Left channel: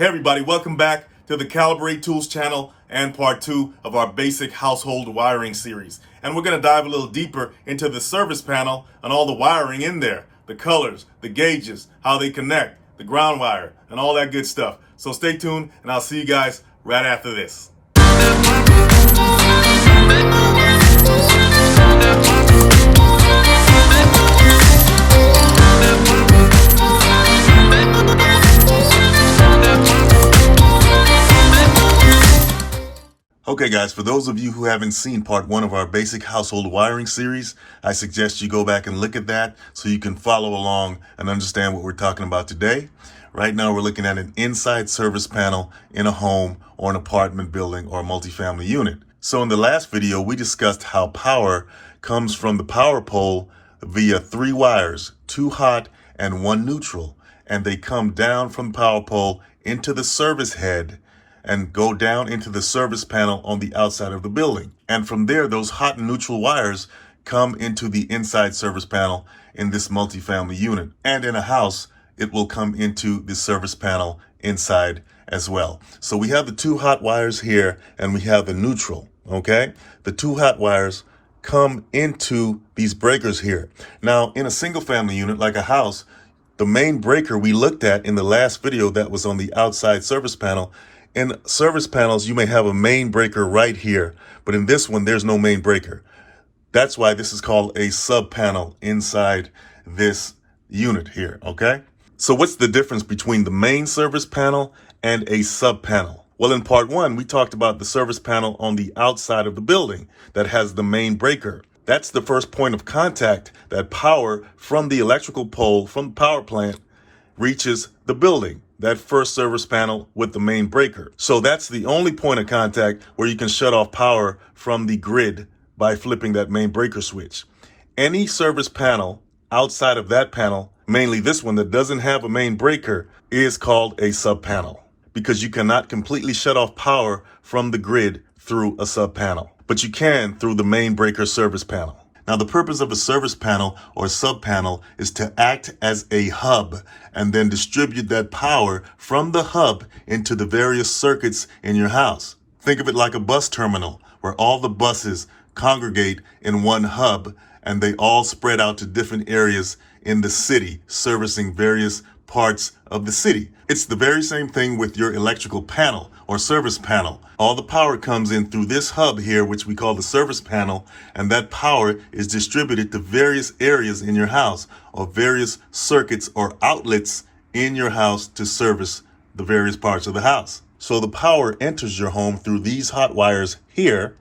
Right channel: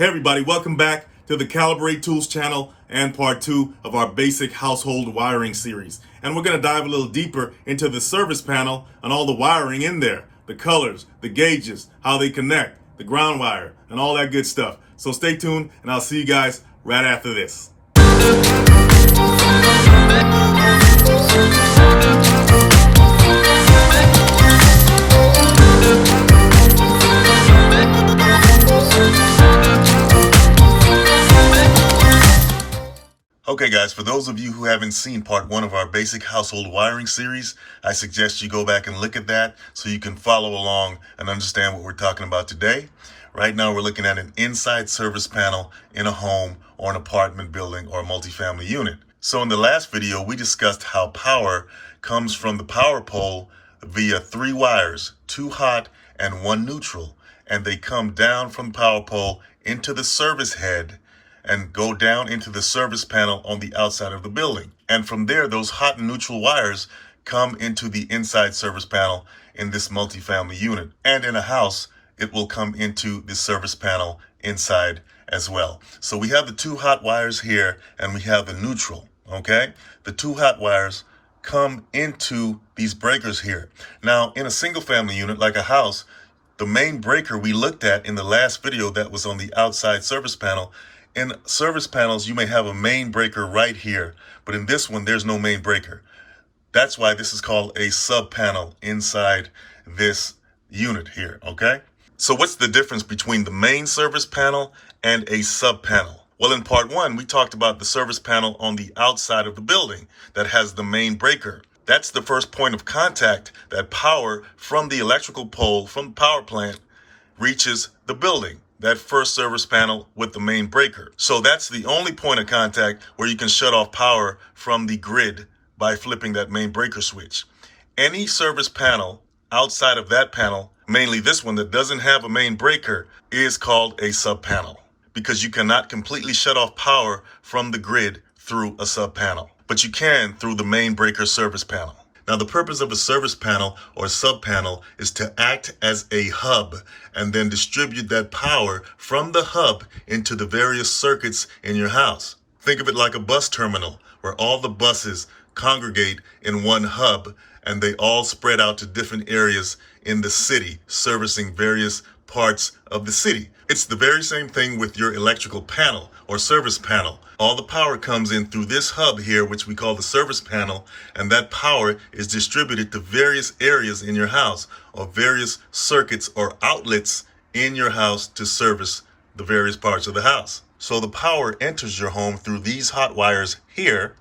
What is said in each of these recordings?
Hey everybody, welcome back to the Calibrate Tools channel and part 2 of our basic household wiring series. And we're going to dive a little deeper into the service panel and all the wiring in there, the colors, the gauges, how they connect, the ground wire, and all that good stuff. So stay tuned and I'll see you guys right after this. Okay guys, for those of you who haven't seen part 1 of our basic household wiring series, I suggest you go back and look at that so you can follow along and understand what we're talking about today. Right now we're looking at an inside service panel in a home or an apartment building or a multifamily unit. So in the last video, we discussed how power comes from the power pole via 3 wires, 2 hot and 1 neutral, and they come down from the power pole into the service head and go down into the service panel on the outside of the building. And from there, those hot and neutral wires come into the inside service panel in this multifamily unit. And in a house, it will come into the service panel inside as well. So we have the 2 hot wires here and we have the neutral, okay? The 2 hot wires come into these breakers here. Now, in a single family unit like a house, the main breaker we looked at in the last video that was on the outside service panel. In service panels, you may have a main breaker right here, but in this one, there's no main breaker. That's why this is called a sub panel inside this unit here, okay? So what's the difference between the main service panel and a sub panel? Well, in part 1, we talked about the service panel on the outside of the building that has the main breaker. That's the first point of contact that power from the electrical pole, from the power plant, reaches the building. That first service panel with the main breaker. So that's the only point of contact where you can shut off power from the grid by flipping that main breaker switch. Any service panel outside of that panel, mainly this one that doesn't have a main breaker, is called a sub panel because you cannot completely shut off power from the grid through a sub panel, but you can through the main breaker service panel. Now, the purpose of a service panel or sub panel is to act as a hub and then distribute that power from the hub into the various circuits in your house. Think of it like a bus terminal where all the buses congregate in one hub and they all spread out to different areas in the city, servicing various parts of the city. It's the very same thing with your electrical panel or service panel. All the power comes in through this hub here, which we call the service panel, and that power is distributed to various areas in your house or various circuits or outlets in your house to service the various parts of the house. So the power enters your home through these hot wires here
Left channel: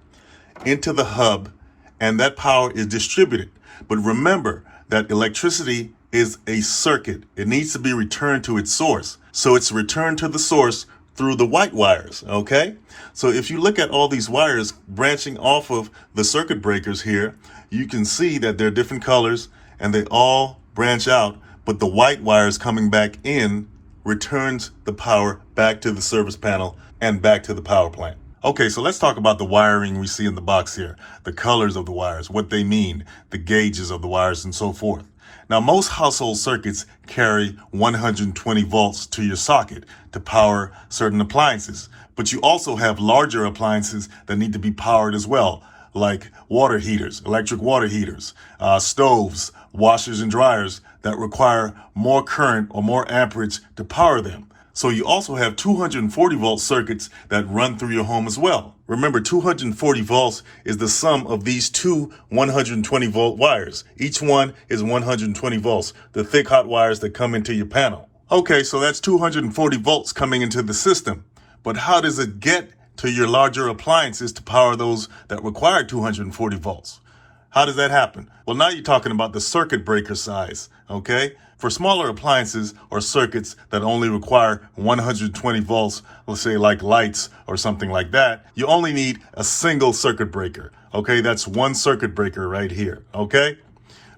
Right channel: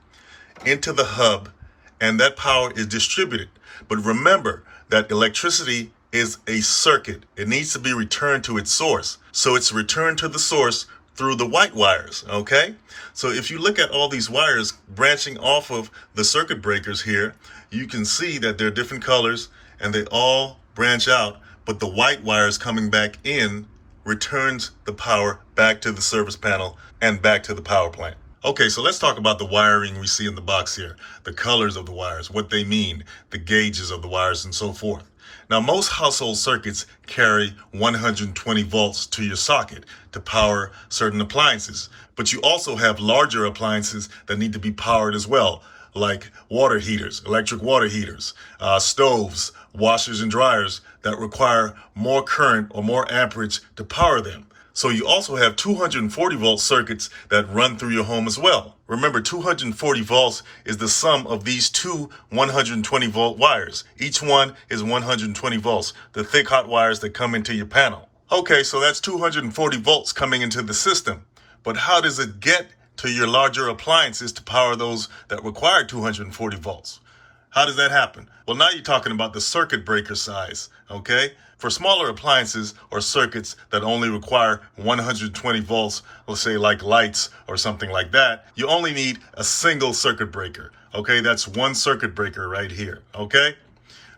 into the hub, and that power is distributed. But remember that electricity is a circuit. It needs to be returned to its source. So it's returned to the source through the white wires, okay? So if you look at all these wires branching off of the circuit breakers here, you can see that they're different colors and they all branch out, but the white wires coming back in returns the power back to the service panel and back to the power plant. Okay, so let's talk about the wiring we see in the box here, the colors of the wires, what they mean, the gauges of the wires, and so forth. Now, most household circuits carry 120 volts to your socket to power certain appliances, but you also have larger appliances that need to be powered as well, like water heaters, electric water heaters, stoves, washers and dryers that require more current or more amperage to power them. So you also have 240 volt circuits that run through your home as well. Remember, 240 volts is the sum of these 2 120 volt wires. Each one is 120 volts, the thick hot wires that come into your panel. Okay, so that's 240 volts coming into the system. But how does it get to your larger appliances to power those that require 240 volts? How does that happen? Well, now you're talking about the circuit breaker size, okay? For smaller appliances or circuits that only require 120 volts, let's say like lights or something like that, you only need a single circuit breaker, okay? That's one circuit breaker right here, okay?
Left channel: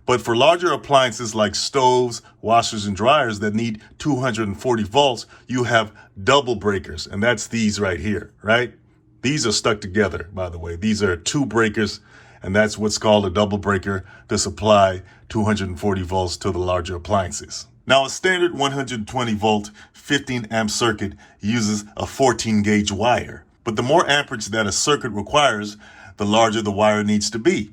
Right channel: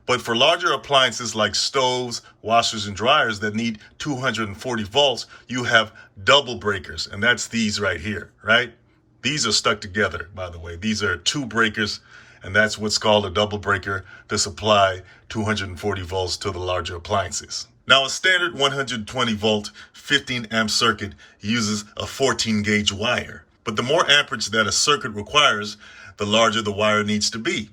But for larger appliances like stoves, washers, and dryers that need 240 volts, you have double breakers, and that's these right here, right? These are stuck together, by the way. These are 2 breakers, and that's what's called a double breaker to supply 240 volts to the larger appliances. Now, a standard 120 volt 15 amp circuit uses a 14 gauge wire, but the more amperage that a circuit requires, the larger the wire needs to be.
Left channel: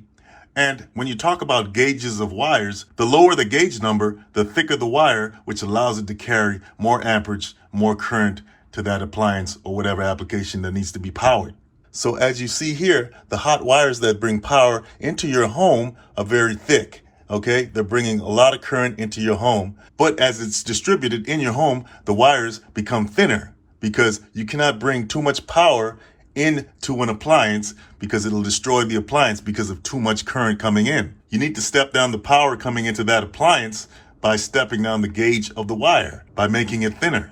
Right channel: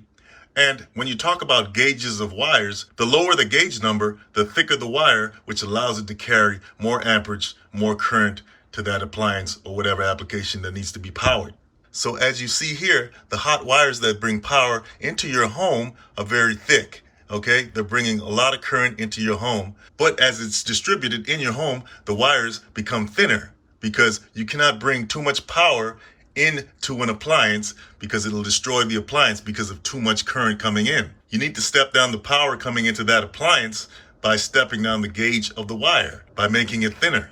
And when you talk about gauges of wires, the lower the gauge number, the thicker the wire, which allows it to carry more amperage, more current to that appliance or whatever application that needs to be powered. So as you see here, the hot wires that bring power into your home are very thick. Okay, they're bringing a lot of current into your home, but as it's distributed in your home, the wires become thinner because you cannot bring too much power into an appliance because it'll destroy the appliance because of too much current coming in. You need to step down the power coming into that appliance by stepping down the gauge of the wire, by making it thinner.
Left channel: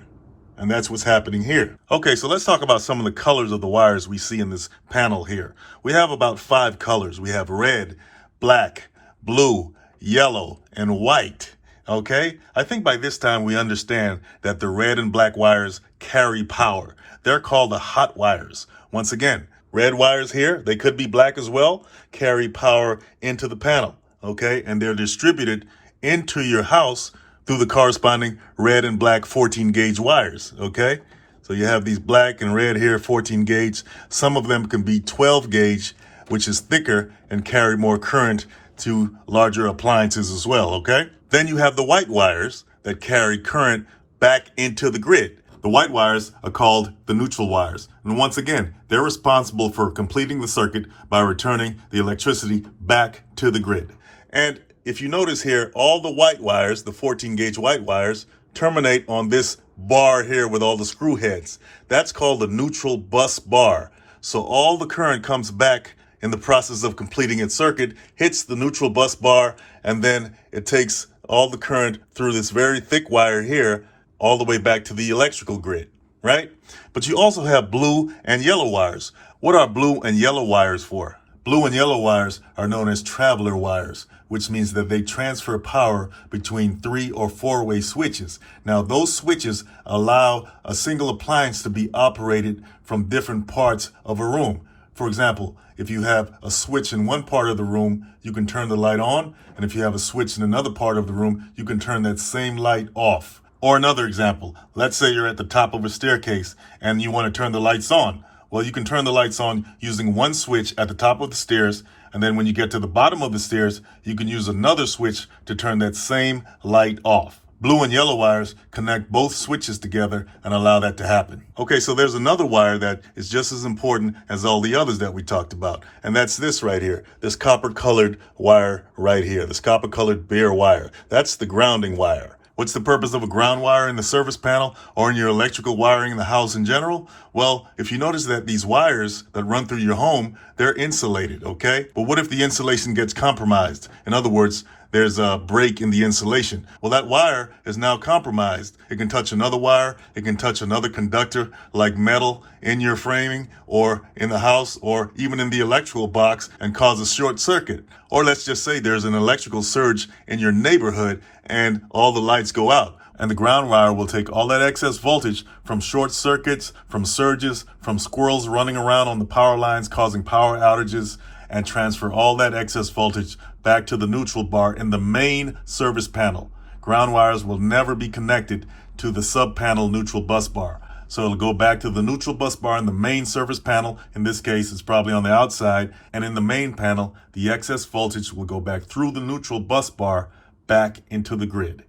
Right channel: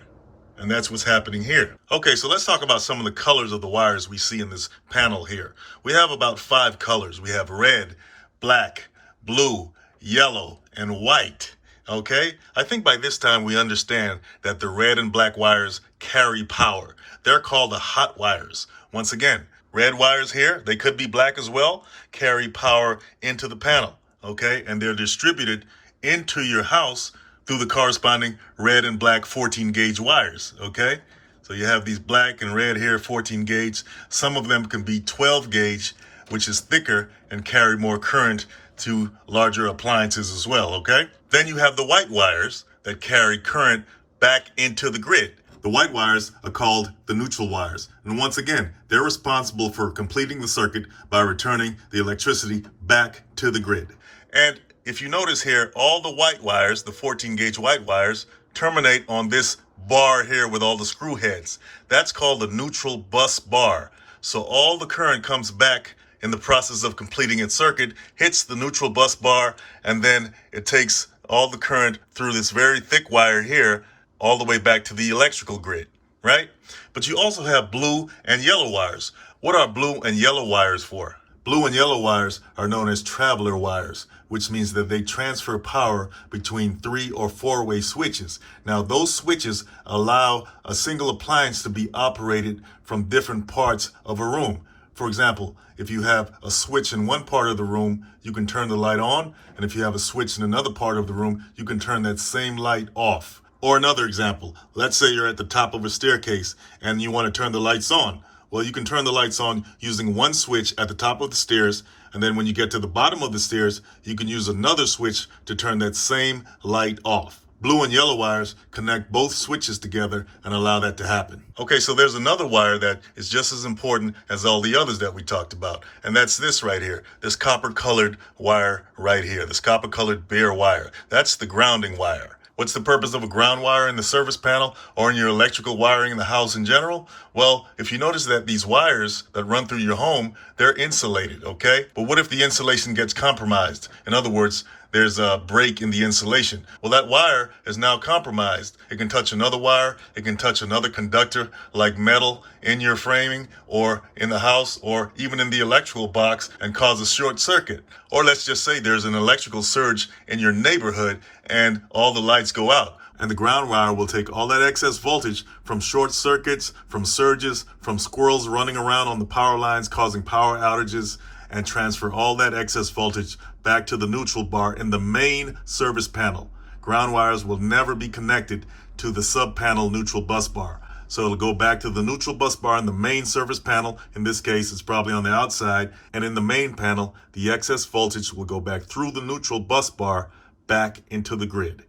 And that's what's happening here. Okay, so let's talk about some of the colors of the wires we see in this panel here. We have about 5 colors. We have red, black, blue, yellow, and white. Okay, I think by this time we understand that the red and black wires carry power. They're called the hot wires. Once again, red wires here, they could be black as well, carry power into the panel. Okay, and they're distributed into your house through the corresponding red and black 14 gauge wires, okay? So you have these black and red here, 14 gauge. Some of them can be 12 gauge, which is thicker and carry more current to larger appliances as well, okay? Then you have the white wires that carry current back into the grid. The white wires are called the neutral wires. And once again, they're responsible for completing the circuit by returning the electricity back to the grid. And if you notice here, all the white wires, the 14 gauge white wires, terminate on this bar here with all the screw heads. That's called the neutral bus bar. So all the current comes back in the process of completing its circuit, hits the neutral bus bar, and then it takes all the current through this very thick wire here all the way back to the electrical grid, right? But you also have blue and yellow wires. What are blue and yellow wires for? Blue and yellow wires are known as traveler wires, which means that they transfer power between 3 or 4-way switches. Now, those switches allow a single appliance to be operated from different parts of a room. For example, if you have a switch in one part of the room, you can turn the light on. And if you have a switch in another part of the room, you can turn that same light off. Or another example, let's say you're at the top of a staircase and you want to turn the lights on. Well, you can turn the lights on using one switch at the top of the stairs, and then when you get to the bottom of the stairs, you can use another switch to turn that same light off. Blue and yellow wires connect both switches together and allow that to happen. Okay, so there's another wire that is just as important as all the others that we talked about, and that's this right here, this copper-colored wire right here, this copper-colored bare wire. That's the grounding wire. What's the purpose of a ground wire in the service panel or in your electrical wiring in the house in general? Well, if you notice that these wires that run through your home, they're insulated, okay? But what if the insulation gets compromised? In other words, there's a break in the insulation. Well, that wire is now compromised. It can touch another wire. It can touch another conductor like metal in your framing or in the house or even in the electrical box and cause a short circuit. Or let's just say there's an electrical surge in your neighborhood and all the lights go out. And the ground wire will take all that excess voltage from short circuits, from surges, from squirrels running around on the power lines causing power outages, and transfer all that excess voltage back to the neutral bar in the main service panel. Ground wires will never be connected to the sub-panel neutral bus bar. So it'll go back to the neutral bus bar in the main service panel. In this case, it's probably on the outside. And in the main panel, the excess voltage will go back through the neutral bus bar back into the grid.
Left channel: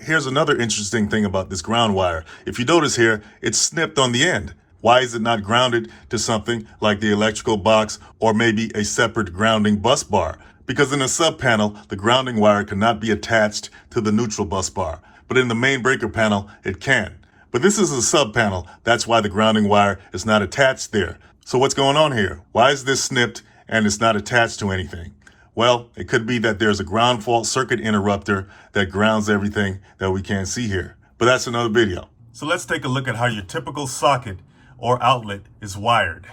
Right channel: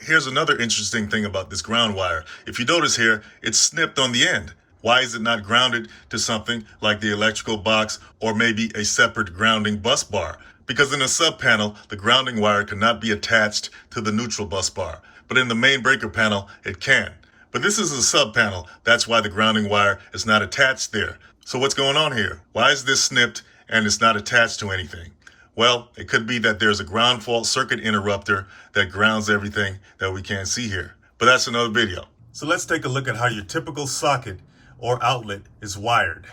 Here's another interesting thing about this ground wire. If you notice here, it's snipped on the end. Why is it not grounded to something like the electrical box or maybe a separate grounding bus bar? Because in a sub-panel, the grounding wire cannot be attached to the neutral bus bar. But in the main breaker panel, it can. But this is a sub-panel. That's why the grounding wire is not attached there. So what's going on here? Why is this snipped and it's not attached to anything? Well, it could be that there's a ground fault circuit interrupter that grounds everything that we can't see here. But that's another video. So let's take a look at how your typical socket or outlet is wired.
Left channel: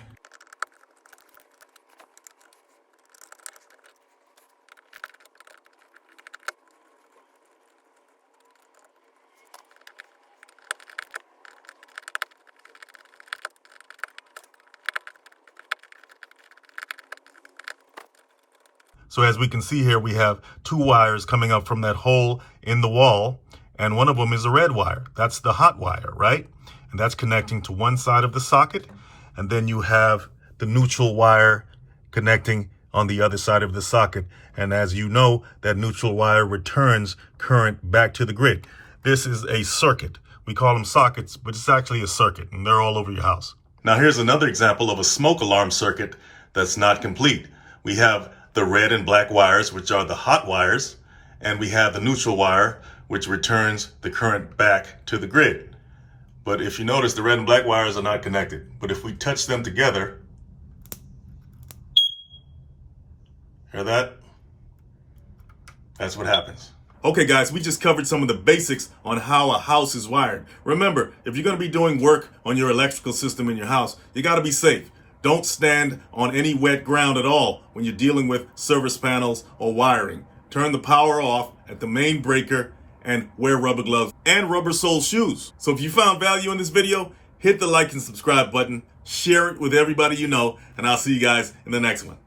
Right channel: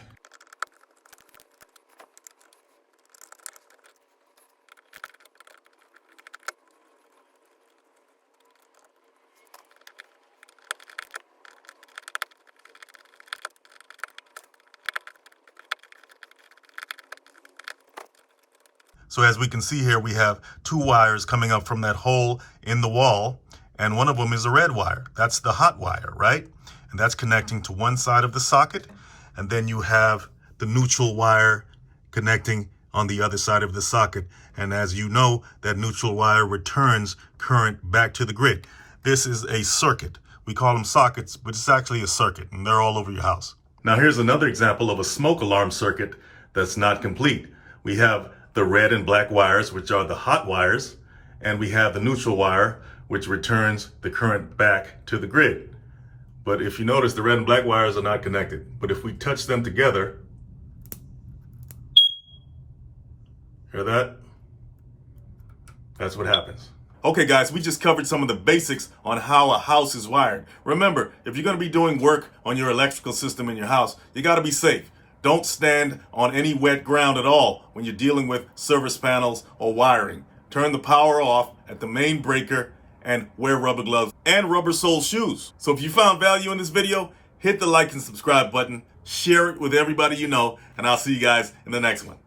So as we can see here, we have 2 wires coming up from that hole in the wall, and one of them is a red wire. That's the hot wire, right? And that's connecting to one side of the socket. And then you have the neutral wire connecting on the other side of the socket. And as you know, that neutral wire returns current back to the grid. This is a circuit. We call them sockets, but it's actually a circuit, and they're all over your house. Now here's another example of a smoke alarm circuit that's not complete. We have the red and black wires, which are the hot wires, and we have the neutral wire, which returns the current back to the grid. But if you notice, the red and black wires are not connected. But if we touch them together, hear that? That's what happens. Okay guys, we just covered some of the basics on how a house is wired. Remember, if you're going to be doing work on your electrical system in your house, you got to be safe. Don't stand on any wet ground at all when you're dealing with service panels or wiring. Turn the power off at the main breaker and wear rubber gloves and rubber sole shoes. So if you found value in this video, hit the like and subscribe button, share it with everybody you know, and I'll see you guys in the next one.